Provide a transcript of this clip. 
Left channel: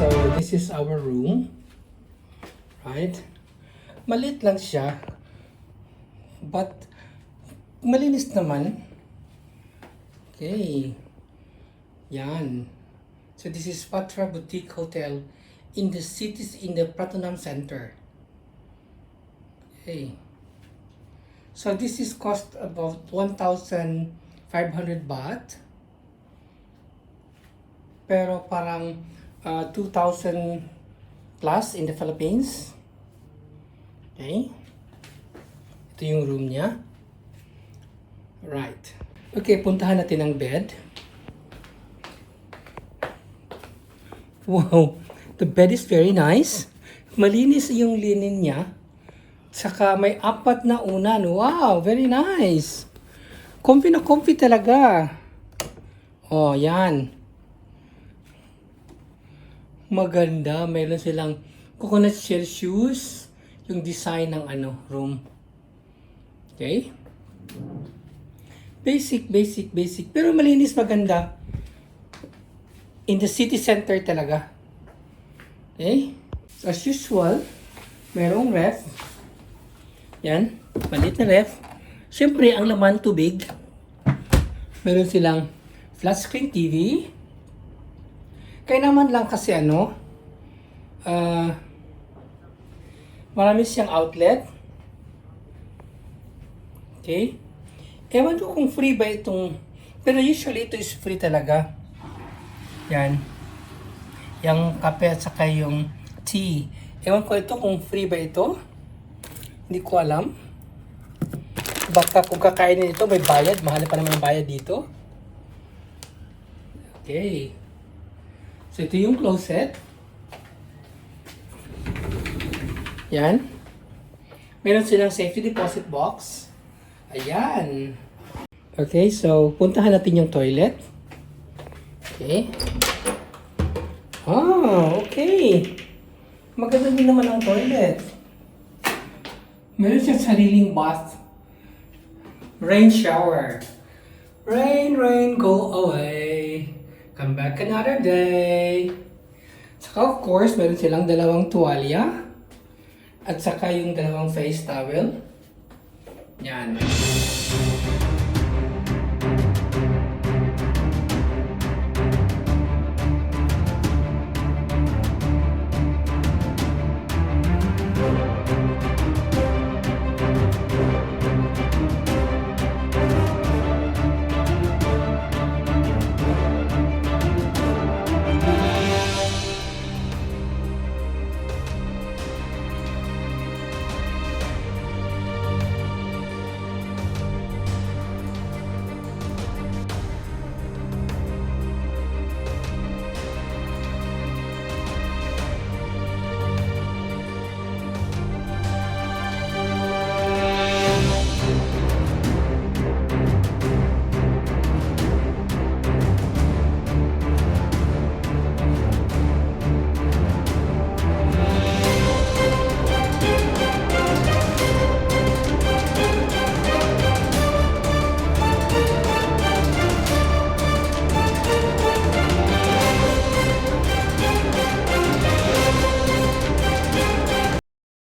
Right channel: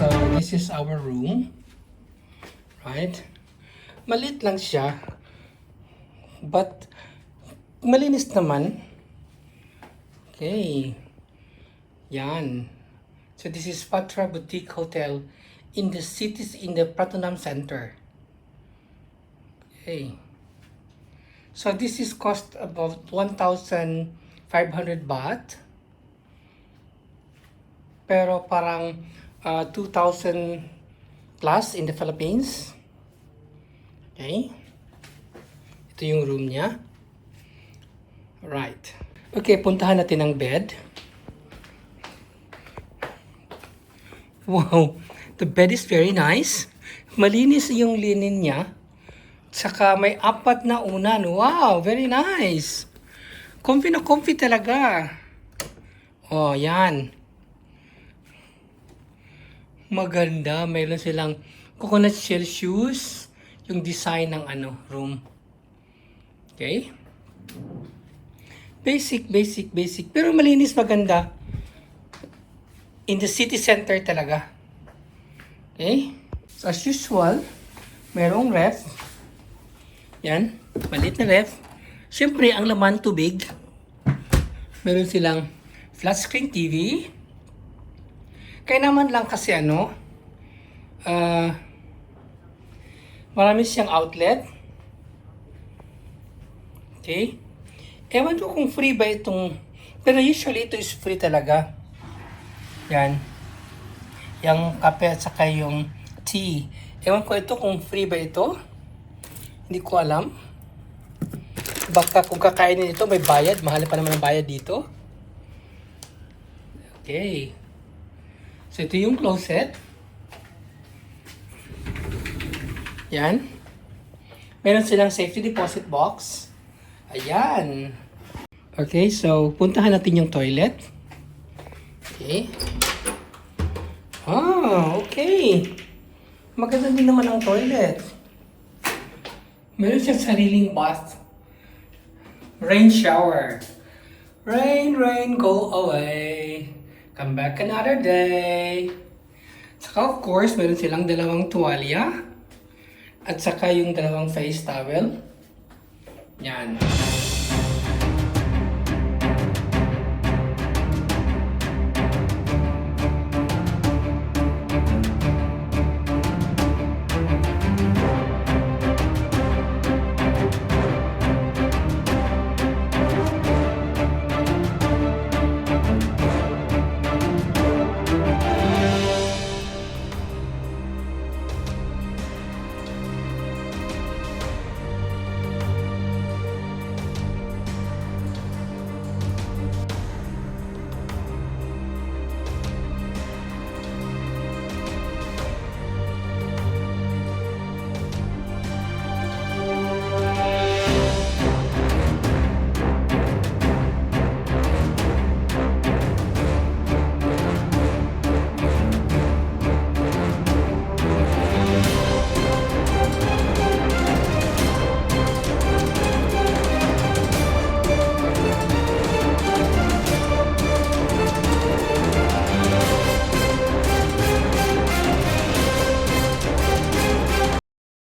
So, this is our room. Right? Maliit lang siya. But, malinis naman. Okay. Yan. So, this is Patra Boutique Hotel in the Pratunam Center. Okay. So, this is cost about 1,500 baht. Pero parang 2,000 plus in the Philippines. Okay. Ito yung room niya. Right. Okay, puntahan natin ang bed. Wow, the bed is very nice. Malinis yung linen niya. Saka may 4 na unan. Wow, very nice. Comfy na comfy talaga. Oh, yan. Maganda. Mayroon silang coconut shell shoes. Yung design ng room. Okay? Basic. Pero malinis, maganda. In the city center talaga. Okay? So, as usual, mayroong ref. Yan. Maliit na ref. Siyempre, ang laman tubig. Meron silang flat screen TV. Kaya naman lang kasi marami siyang outlet. Okay? Ewan ko kung free ba itong, pero usually ito is free talaga. Yan. Yung kape at saka yung tea. Ewan ko ito kung free ba ito. Hindi ko alam. Baka kung kakainin ito may bayad. Mahal pa naman ang bayad dito. Okay. So ito yung closet. Yan. Meron silang safety deposit box. Ayan. Okay, so puntahan natin yung toilet. Okay. Okay. Maganda din naman ang toilet. Meron siyang sariling bath. Rain shower. Rain, go away. Come back another day. Saka of course, meron silang dalawang tuwalya. At saka yung dalawang face towel. Yan.